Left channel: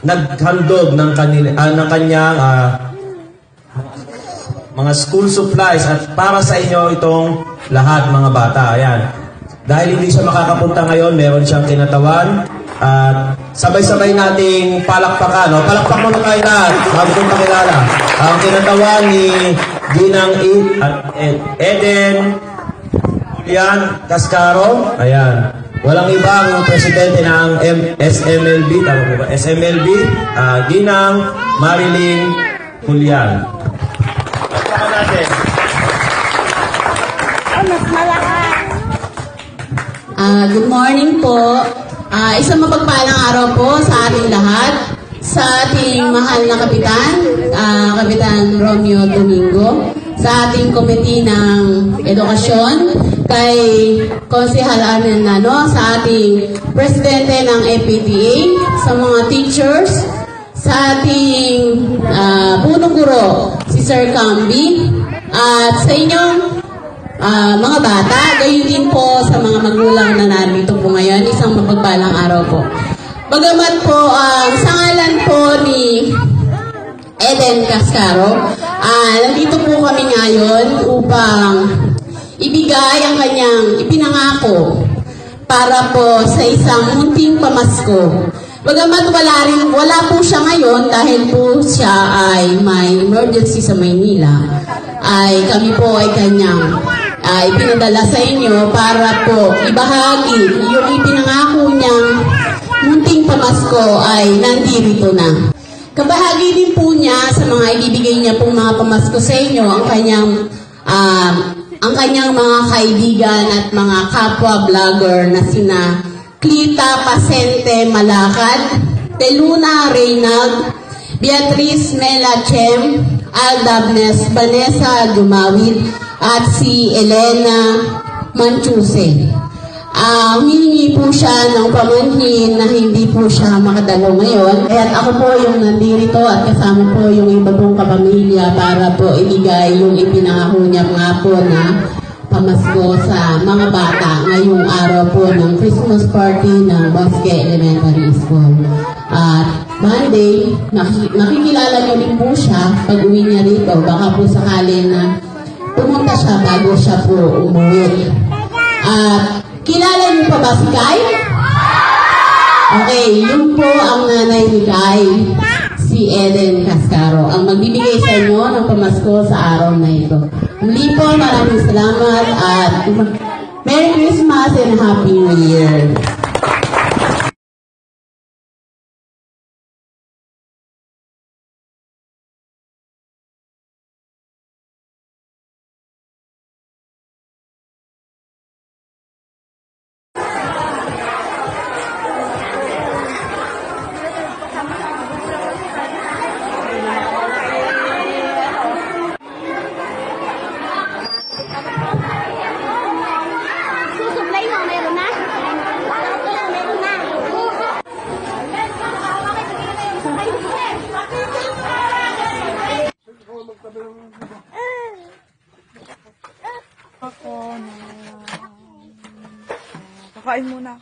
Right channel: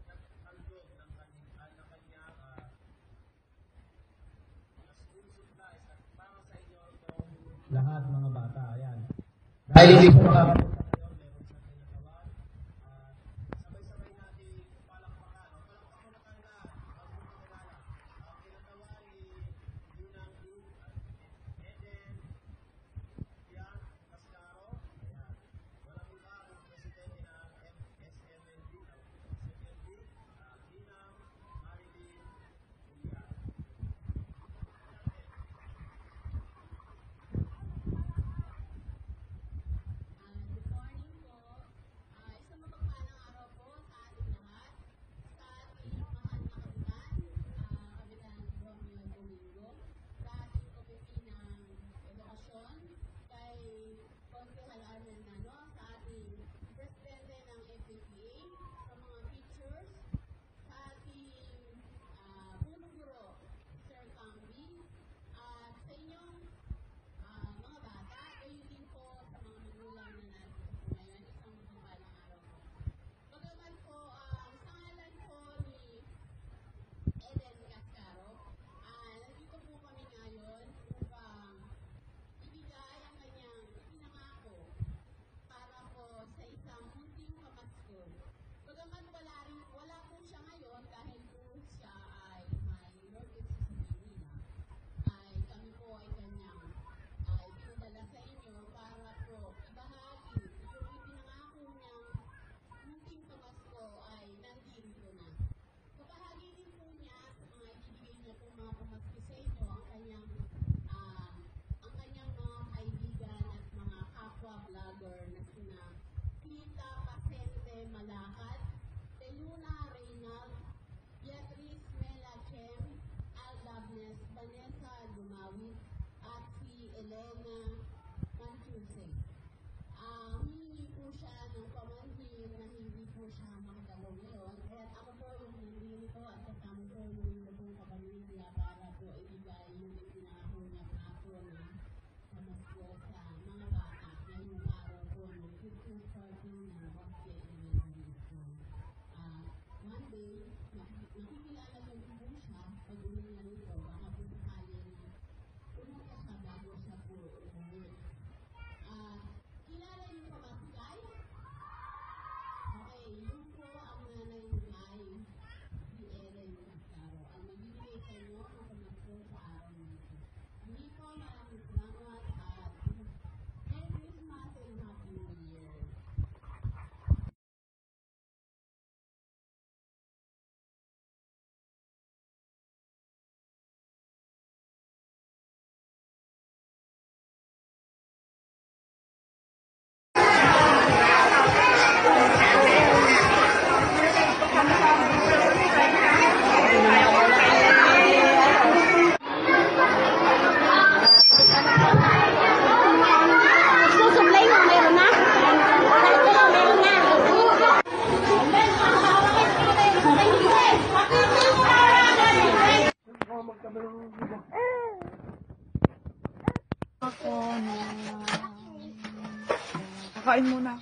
naghandog ng kanyang mga school supplies at para sa inyo itong lahat mga bata. Ayan. Dahil hindi siya makakapunta ngayon, meron siyang kinatawan at sabay-sabay nating palakpakan. No? Palakpak muna tayo lahat bago kong pakilala. Ang kinatawan ni Ginang Eden Julian Cascaro. Ayan. Walang ibang presidente ng SMLB, tama po ba? SMLB, Ginang Marilyn Julian. Good morning po. Isang mapagpalang araw po sa ating lahat, sa ating mahal na kapitan, Kapitan Romeo Domingo, sa ating komite ng edukasyon, kay Konsehal Arnel Nano, sa ating presidente ng FPTA, sa mga teachers, sa ating punong guro, si Sir Camby, at sa inyong mga bata, gayon din po sa mga magulang na nandito po ngayon, isang mapagpalang araw po. Bagamat po, sa ngalan po ni Eden Cascaro, nandito po kami ngayon upang ibigay ang kanyang ipinangako para po sa isang munting pamasko. Bagamat wala po siya ngayon dahil po siya ay may emergency sa Maynila, ay kami po ay kanyang ipinadala sa inyo para po ibahagi yung ipinangako niyang munting pamasko ay nandito na. Kabahagi din po niya sa mga ibibigay niya pong mga pamasko sa inyo ang kanyang mga kaibigan at mga kapwa vlogger na sina Clita Pasente Malakad, Teluna Reynald, Beatrice Mela Chem, Aldabnes Vanessa Dumawid, at si Elena Manchuse. Humingi po siya ng pamanhin na hindi po siya makadalo ngayon. At ako po yung nandito at kasama po yung iba pong kapamilya para po ibigay yung ipinangako niya nga po na pamasko sa mga bata ngayong araw po ng Christmas party ng Bosque Elementary School. At Monday, makikilala niyo din po siya pag uwi niya rito. Baka po sakali na pumunta siya bago siya po umuwi. At kilala niyo pa ba si Kai? Okay, yun po ang nanay ni Kai, si Eden Cascaro, ang magbibigay sa inyo ng pamasko sa araw na ito. Muli po, maraming salamat at Merry Christmas and Happy New Year! Kakain muna.